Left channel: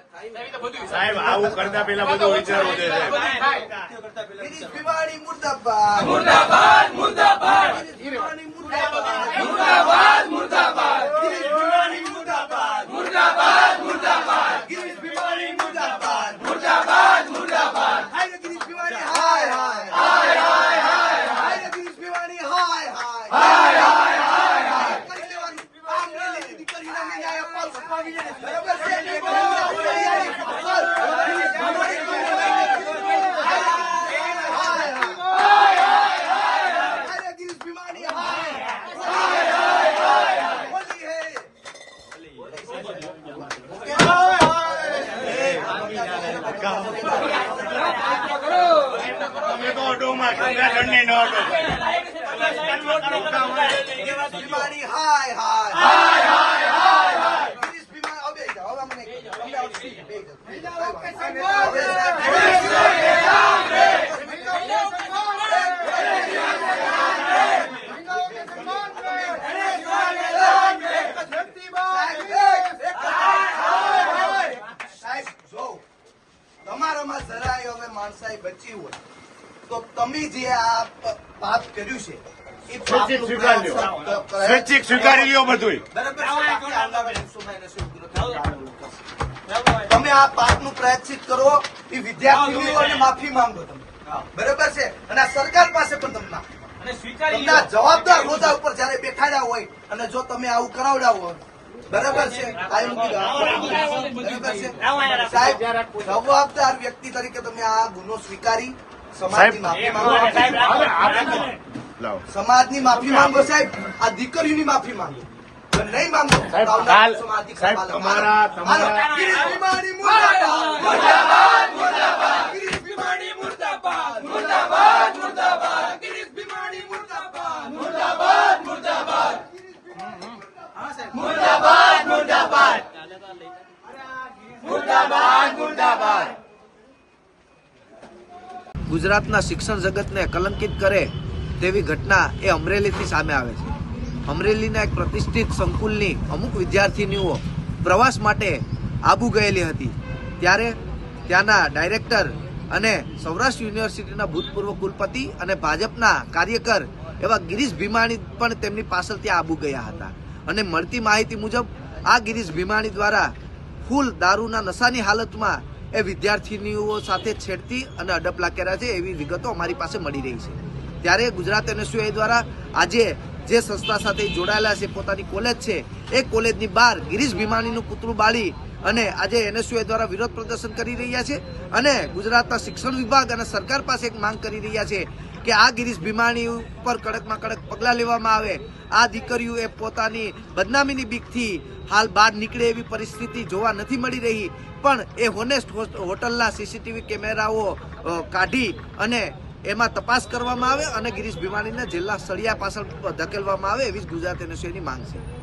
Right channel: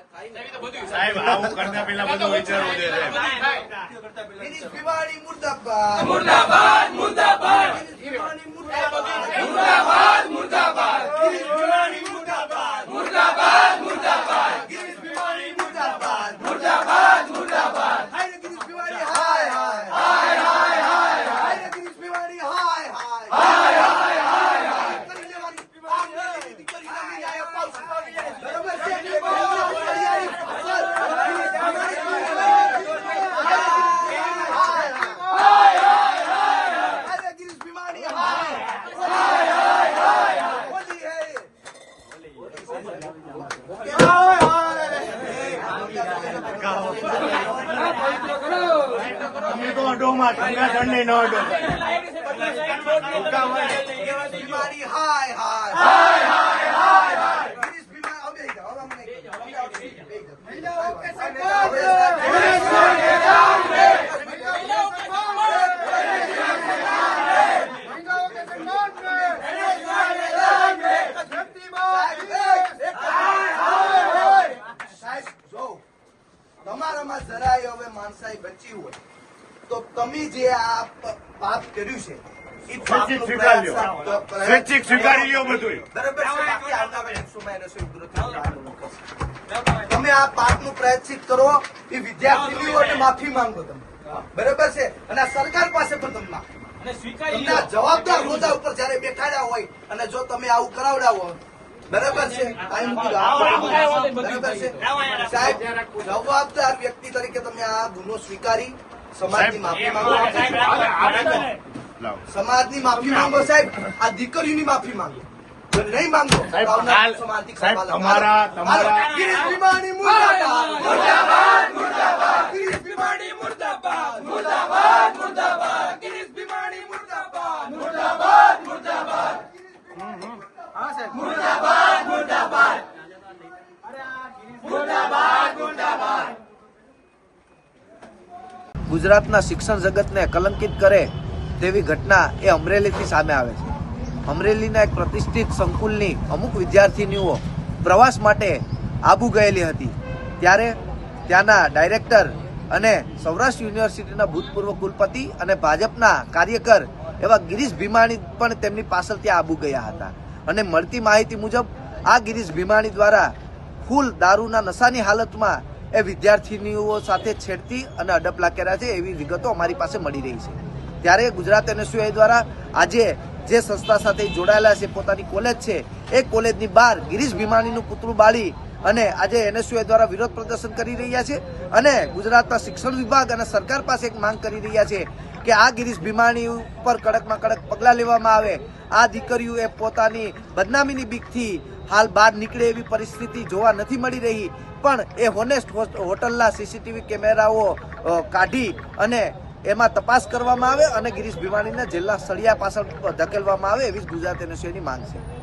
સાહેબ આવું કરતા પેલા બધું વિચારવું જોઈએ ભીમાણી મુર્દાબાદ. મુર્દાબાદ મુર્દાબાદ. મુર્દાબાદ. મુર્દાબાદ ગિરીશ મુર્દાબાદ. મુર્દાબાદ મુર્દાબાદ. ગિરીશ મુર્દાબાદ. મુર્દાબાદ મુર્દાબાદ. હાય ગિરીશ ભીમાણી હાય હાય. હાય હાય હાય ગિરીશ ભીમાણી હાય હાય. હાય હાય હાય કરી લેવાની આ પેલી દીકરીને મેં ન્યાય અપાવશું. બરાબર છે ગિરીશ ભીમાણી અરે ગિરીશ ભીમાણી હોલી હે તમે તો અડોમાં ઠંડા નહીં ન અડો. હાય હાય ગિરીશ ભીમાણી હવે જાઓ હવે મને સાહેબ જો તમારામાં જરાય હવે માણસાઈ બચી હોય. તો તમે જે આ પાપ કર્યું છે સ્વૈચ્છિક સ્વીકારી લ્યો બધું? તમે આ પાપનું પ્રાયશ્ચિત કરો એ વિદ્યાર્થીઓને માફી માંગો તમે. બરાબર છે અને સરકાર પાસે પણ માફી તમને જવાબદાર હોદ્દા ઉપર જયારે બેઠાડ્યા હોય અને જો તમે આવું કરાવડાવો બરાબર છે? સાહેબ બરાબર છે? સાહેબ જવાબદાર વ્યક્તિ તરીકે તમે આ ગુનો સ્વીકારી. સમાજની માફી માંગો. સમાજની માફી માંગો સાહેબ. આ દીકરીની માફી માંગો. જો નહીં માંગો સાહેબ, તમારા- તમારા- ગિરીશ ભીમાણી મુર્દાબાદ મુર્દાબાદ મુર્દાબાદ ગિરીશ ભીમાણી મુર્દાબાદ મુર્દાબાદ મુર્દાબાદ ગિરીશ ભીમાણી મુર્દાબાદ મુર્દાબાદ મુર્દાબાદ હા સાહેબ મુર્દાબાદ મુર્દાબાદ મુર્દાબાદ મુર્દાબાદ ગુજરાતના શિક્ષણ જગતને કલંકિત કરે તેવી ઘટના એ અમરેલીથી સામે આવે છે. અમરેલીના એક પ્રતિષ્ઠિત સંકુલની અમુક વિદ્યાર્થીનીઓ પ્રવાસ માટે આબુ ગયેલી હતી. ત્યારે ત્યાંના ડાયરેક્ટર અને સૌરાષ્ટ્ર યુનિવર્સિટીના ભૂતપૂર્વ કુલપતિ અને ભાજપના કાર્યકર એવા ગિરીશ ભીમાણી પણ તેમની પાછળ ત્યાં આબુ ગયા હતા. અને મળતી માહિતી મુજબ આ ગિરીશ ભીમાણી દ્વારા ફૂલ દારૂના નશાની હાલતમાં એ વિદ્યાર્થીનીઓ સાથે છેડતી અને અડપલા કર્યા છે એવી વિગતો અમારી પાસે મળી રહી છે. ત્યારે ગુજરાત એનએસયુઆઈ દ્વારા આજે જે સંસ્થા સાથે જોડાયેલા છે, પોતાની કોલેજ છે, એ કોલેજની બહાર ગિરીશ ભીમાણીનું પુતળું બાળી અને આજે એનએસયુઆઈ દ્વારા વિરોધ પ્રદર્શન કરી રહ્યા છે અને ગુજરાતના શિક્ષણ વિભાગ અને સરકાર પાસે એક માંગ કરી રહ્યા છે કે આ ગિરીશ ભીમાણી ઉપર કડકમાં કડક પગલાં લેવામાં આવે. આ દીકરીઓ એ પોતાની બદનામીની બીકથી હાલ બહાર નીકળે એવી પરિસ્થિતિ જોવા નથી મળી રહી, પણ એ હોનેસ્ટ હોટલના સીસીટીવી કેમેરાઓ કાઢી અને એમાં તપાસ કરવામાં આવે અને ગિરીશ ભીમાણીને જેલના સળિયા પાછળ ધકેલવામાં આવે એવી જ ગુજરાત એનએસયુની માંગ છે.